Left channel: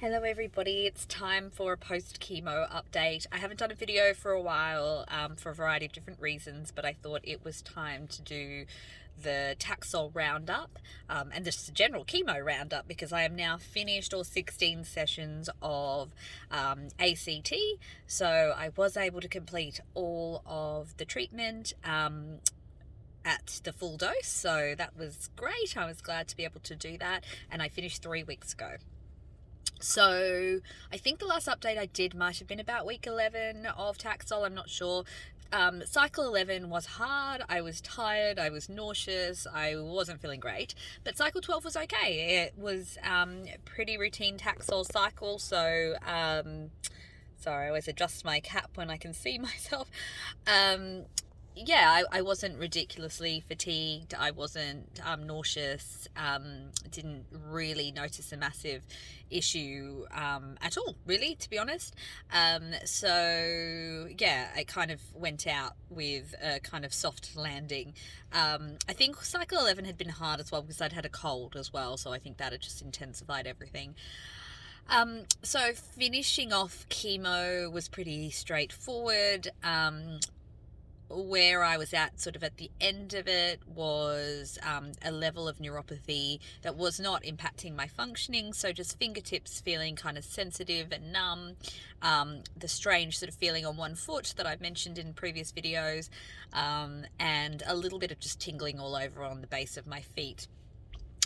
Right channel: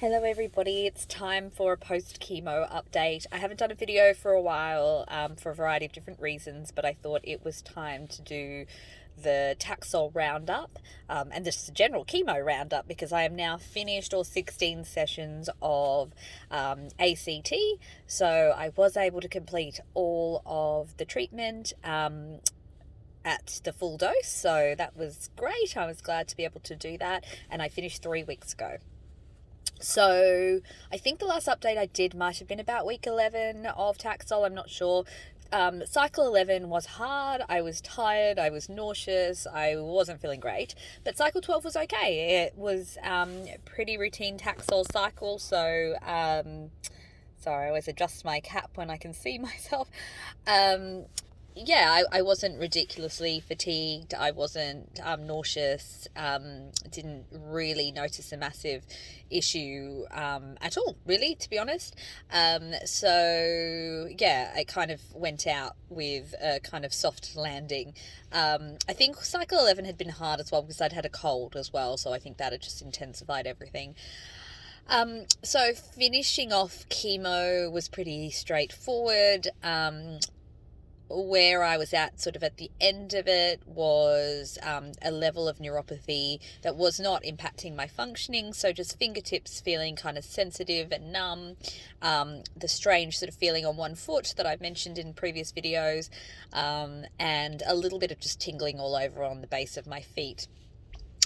Hello everybody, it's time for a post-chemo update. I haven't done a video for a while for a variety of different reasons, but I thought it was time to do the Taxol Roundup and just a general chemo roundup because I am now finished all 16 sessions of ACT. So I was able to complete all of the treatment at the full dose, so that was great. I was glad to be able to do that, and I finished 3 weeks ago. So I think the last update I did might have been about week 11 of Taxol. I'm not sure. Cycle 11 was hard. I was tired. I was nauseous. I wasn't feeling great. But cycle 12 was okay. It was pretty routine Taxol cycle. So, sorry, I always adjust my cap when I can see myself. Yeah, I wasn't ridiculously fatigued. I wasn't nauseous. Didn't really notice a massive issue at all, really, to be honest. So yeah, I kind of went out with a kind of soft landing. I think cycle 11 had been hard as well because I'd had a cold as well, so I think that had just intensified everything. So finishing off chemo was pretty straightforward. Where I was at sort of at the end of it was a level of neuropathy that was not impacting my functioning, so just fingertips feeling kind of sensitive and numb, the strange sort of feeling on one foot that I've mentioned in previous videos, and a little bit of just tingling all over on the base of my feet.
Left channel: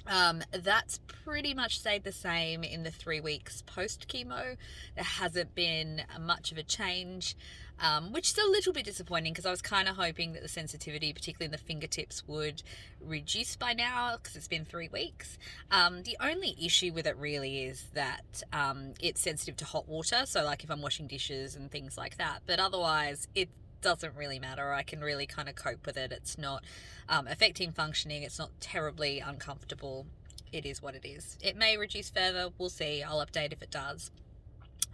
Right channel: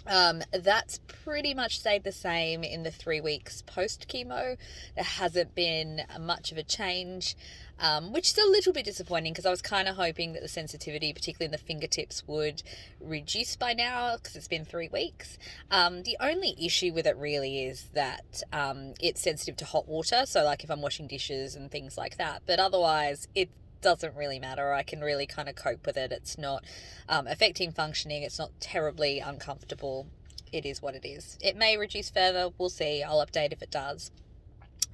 That's pretty much stayed the same in the 3 weeks post chemo. There hasn't been much of a change, which is a little bit disappointing because I was kind of hoping that the sensitivity, particularly in the fingertips, would reduce by now because it's been 3 weeks. The only issue with it really is that it's sensitive to hot water, so like if I'm washing dishes and things like that, but otherwise it doesn't really matter. I can really kind of cope with it. It's not affecting functioning. It's not terribly uncomfortable. It is what it is. It may reduce further. We'll see. I'll update if it does.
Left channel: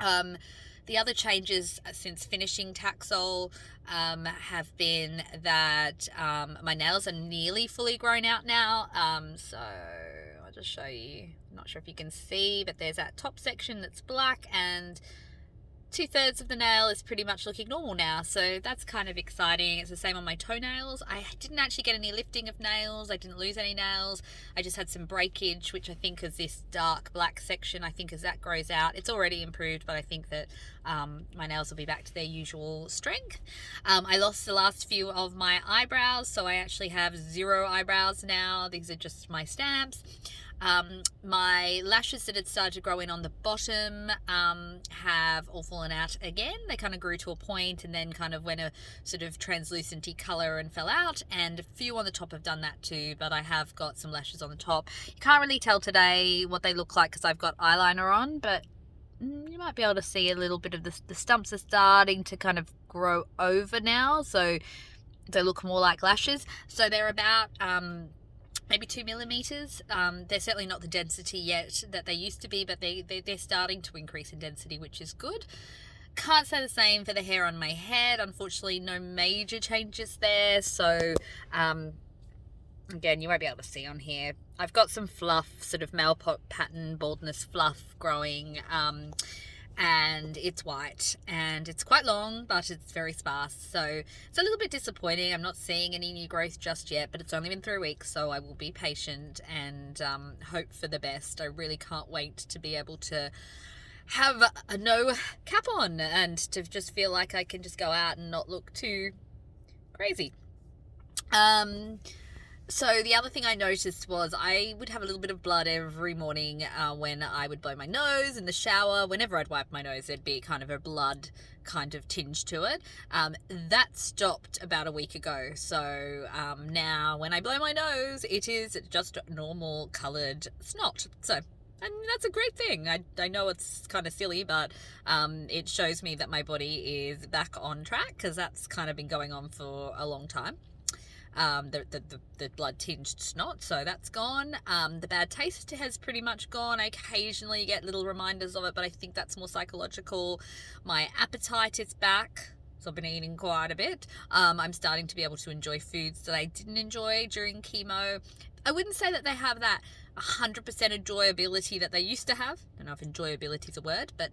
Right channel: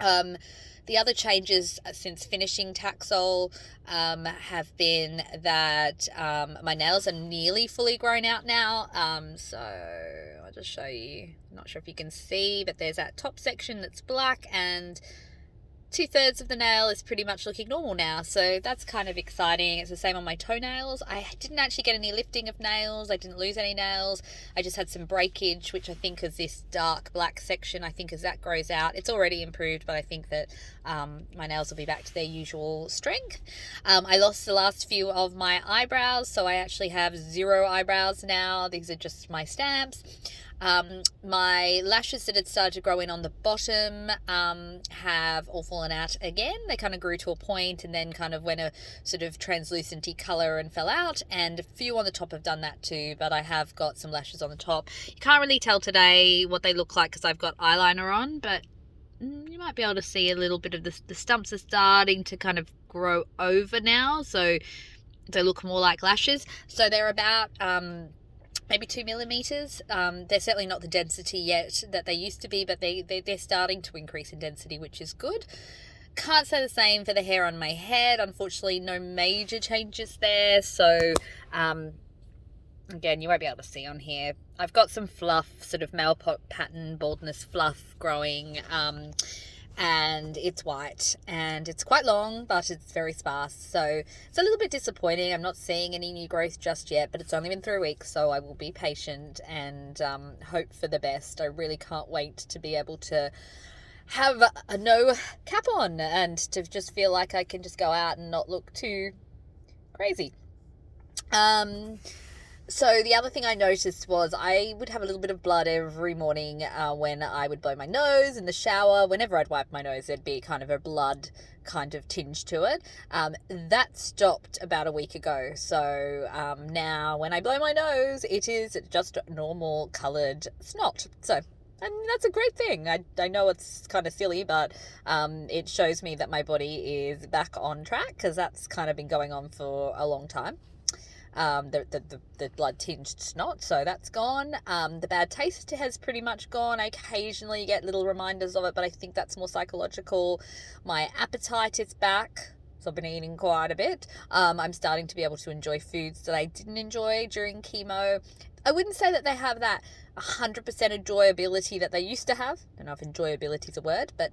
The other changes since finishing Taxol have been that my nails are nearly fully grown out now. So I'll just show you. I'm not sure if you can see, but there's that top section that's black and 2/3 of the nail is pretty much looking normal now, so that's kind of exciting. It's the same on my toenails. I didn't actually get any lifting of nails. I didn't lose any nails. I just had some breakage, which I think is this dark black section. I think as that grows out, it's already improved, but I think that my nails will be back to their usual strength. I lost the last few of my eyebrows, so I actually have 0 eyebrows now. These are just my stamps. My lashes that had started to grow in on the bottom have all fallen out again. They kind of grew to a point and then kind of went a sort of translucenty color and fell out, and a few on the top have done that too, but I have got some lashes on the top. You can't really tell today what they look like because I've got eyeliner on, but you might be able to see a little bit of the stumps are starting to kind of grow over now, so they look more like lashes. So they're about maybe 2 millimeters. They're certainly not the density yet that they used to be, but they're starting to increase in density, which is good. Can't say the same for the hair on my head. Unfortunately, no major changes there. So, again, you won't be able to see on here. I've got some fluff, sort of male pattern baldness fluff growing, and it's white and it's quite long, but it's very sparse, so it's a little bit disappointing. I'm not seeing any new growth just yet, but it's only been 3 weeks, so I will be patient and hope for the best. I really can't wait to be able to have a no cap on and to just feel like I can just go out and not look too crazy. So the other thing I noticed was I would have a little bit of blood every morning when I would blow my nose in the shower. Whenever I'd wipe my nose, there'd be kind of a blood kind of tinge to it. That stopped about a week ago. So now when I blow my nose, it is just normal coloured snot. So and that's a great thing. I know it's kind of silly, but it shows me that my body is back on track because that's kind of been going on for a long time. The blood tinged snot, so that's gone. The bad taste has pretty much gone. I occasionally get little reminders of it, but I think that's more psychological. My appetite is back, so I've been eating quite a bit. I'm starting to be able to enjoy foods that I didn't enjoy during chemo. I wouldn't say that they have that 100% enjoyability that they used to have. I don't know if enjoyability is a word, but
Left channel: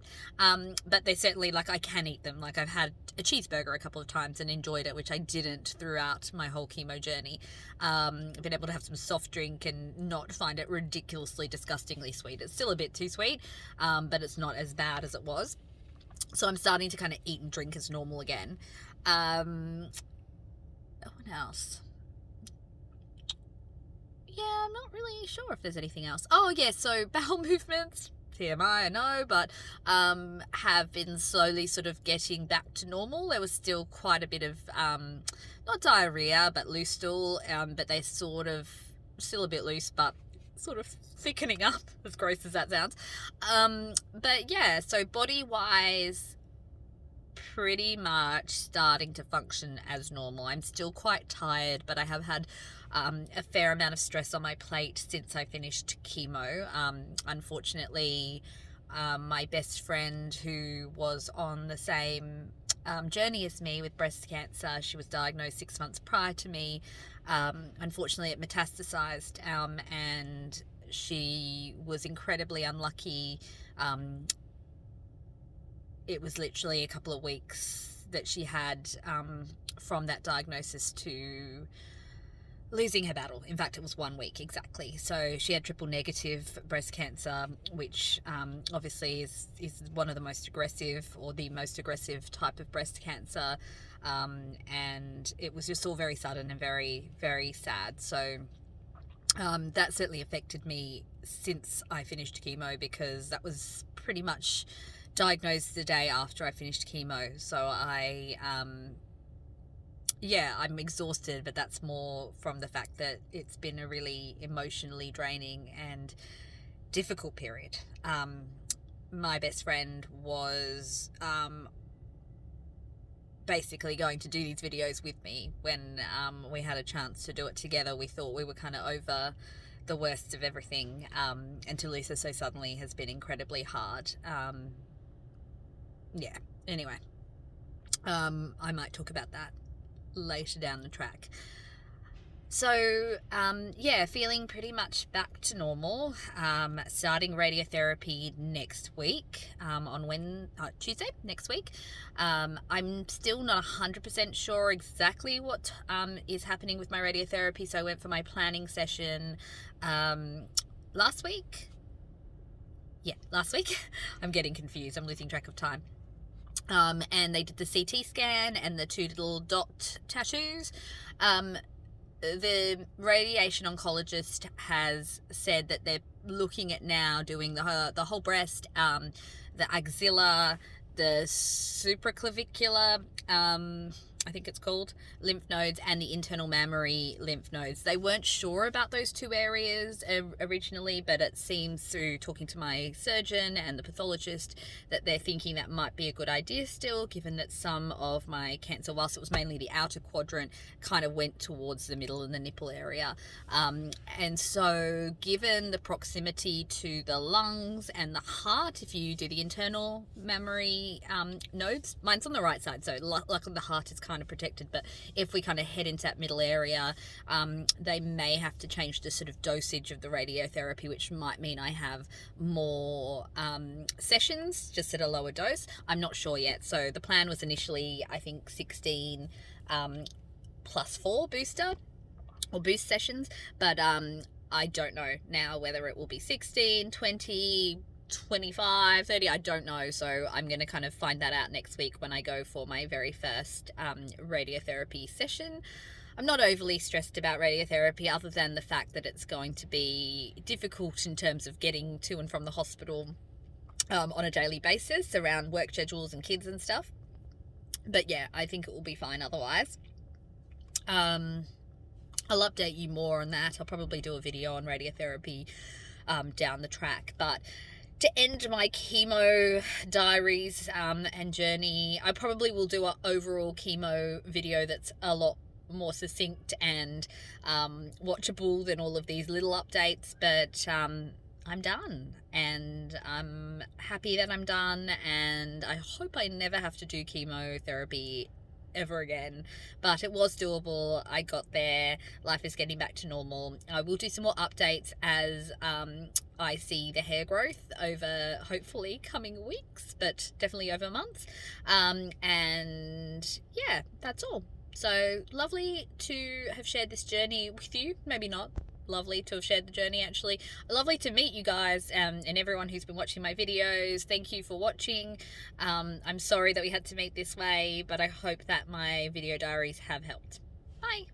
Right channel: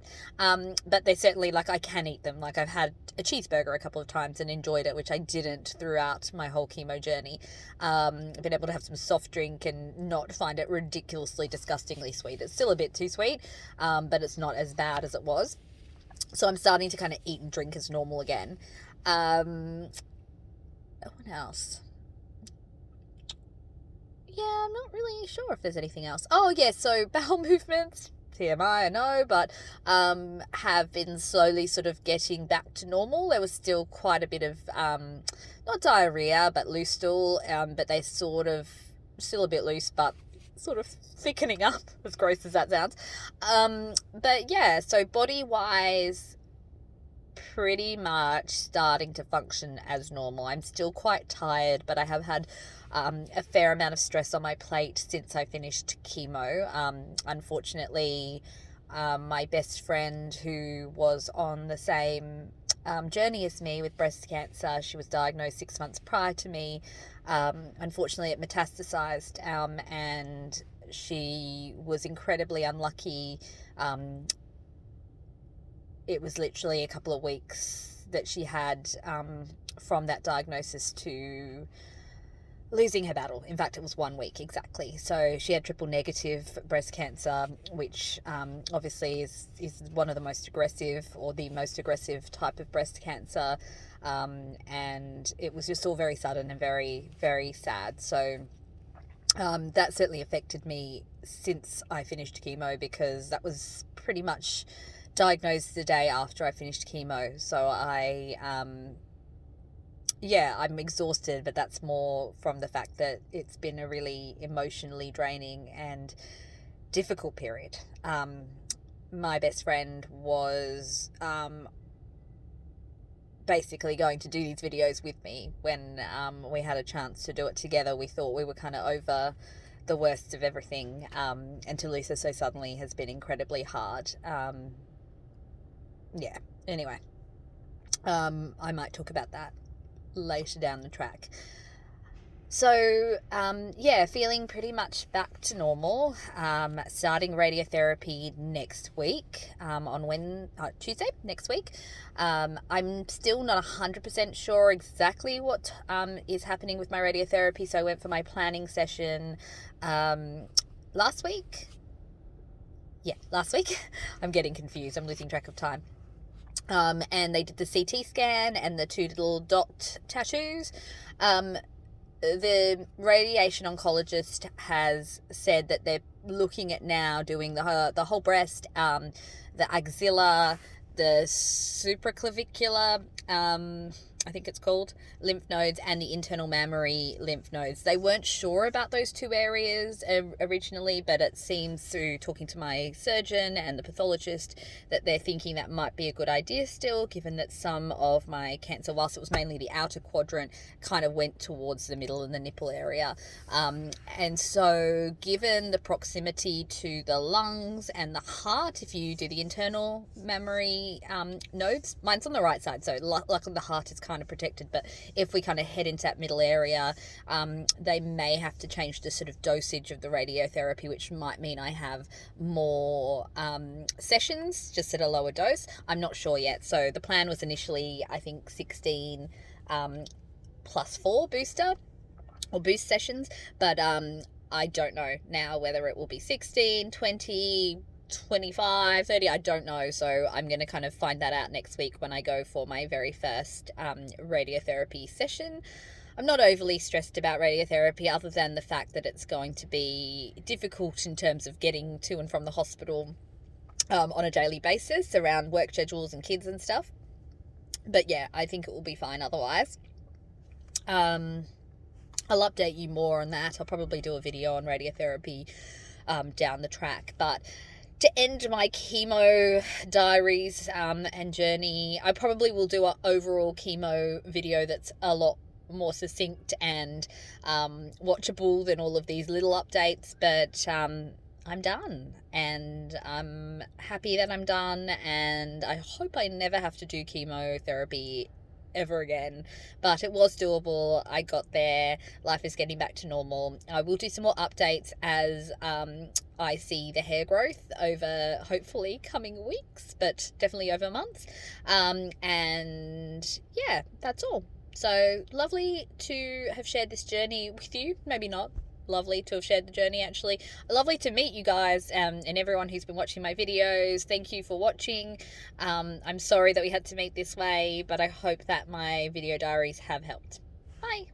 they certainly, like, I can eat them. Like, I've had a cheeseburger a couple of times and enjoyed it, which I didn't throughout my whole chemo journey. I've been able to have some soft drink and not find it ridiculously, disgustingly sweet. It's still a bit too sweet, but it's not as bad as it was. So I'm starting to kind of eat and drink as normal again. What else? Yeah, I'm not really sure if there's anything else. Oh, yeah, so bowel movements, TMI, I know, but have been slowly sort of getting back to normal. There was still quite a bit of, not diarrhea, but loose stool, but they sort of, still a bit loose, but sort of thickening up, as gross as that sounds. But yeah, so body-wise, pretty much starting to function as normal. I'm still quite tired, but I have had a fair amount of stress on my plate since I finished chemo. Unfortunately, my best friend, who was on the same journey as me with breast cancer, she was diagnosed 6 months prior to me. Unfortunately, it metastasized, and she was incredibly unlucky. It was literally a couple of weeks that she had from that diagnosis to losing her battle. In fact, it was 1 week exactly. So she had triple negative breast cancer, which obviously is one of the most aggressive, or the most aggressive type of breast cancer. And it was just all very sudden and very, very sad. So that certainly affected me since I finished chemo, because that was pretty much diagnosed the day after I finished chemo. So I'm exhausted, but that's more from the fact that it's been a really emotionally draining and difficult period. My best friend was basically going to do these videos with me when we had a chance to do it together. We thought we were kind of over the worst of everything, and to lose her so suddenly has been incredibly hard. Anyway, I might talk about that later down the track. So feeling pretty much back to normal. Starting radiotherapy next week, on Tuesday next week. I'm still not 100% sure exactly what is happening with my radiotherapy. So I went for my planning session last week. Yeah, last week. I'm getting confused. I'm losing track of time. And they did the CT scan and the 2 little dot tattoos. The radiation oncologist has said that they're looking at now doing the whole breast, the axilla, the supraclavicular, I think it's called, lymph nodes, and the internal mammary lymph nodes. They weren't sure about those 2 areas originally, but it seems through talking to my surgeon and the pathologist that they're thinking that might be a good idea still, given that some of my cancer, whilst it was mainly the outer quadrant, kind of went towards the middle and the nipple area. And so given the proximity to the lungs and the heart, if you do the internal mammary nodes, mine's on the right side, so luckily the heart is kind of protected, but if we kind of head into that middle area, they may have to change the sort of dosage of the radiotherapy, which might mean I have more sessions, just at a lower dose. I'm not sure yet. So the plan was initially, I think, 16 plus 4 booster or boost sessions, but I don't know now whether it will be 16, 20, 25, 30, I don't know. So I'm going to kind of find that out next week when I go for my very first radiotherapy session. I'm not overly stressed about radiotherapy, other than the fact that it's going to be difficult in terms of getting to and from the hospital on a daily basis around work schedules and kids and stuff. But yeah, I think it will be fine otherwise. I'll update you more on that. I'll probably do a video on radiotherapy down the track. But to end my chemo diaries and journey, I probably will do an overall chemo video that's a lot more succinct and watchable than all of these little updates. But I'm done, and I'm happy that I'm done, and I hope I never have to do chemotherapy ever again, but it was doable. I got there. Life is getting back to normal. I will do some more updates as I see the hair growth over hopefully coming weeks, but definitely over months. And yeah, that's all. So lovely to have shared this journey with you. Maybe not lovely to have shared the journey, actually. Lovely to meet you guys, and everyone who's been watching my videos. Thank you for watching. I'm sorry that we had to meet this way, but I hope that my video diaries have helped. Bye.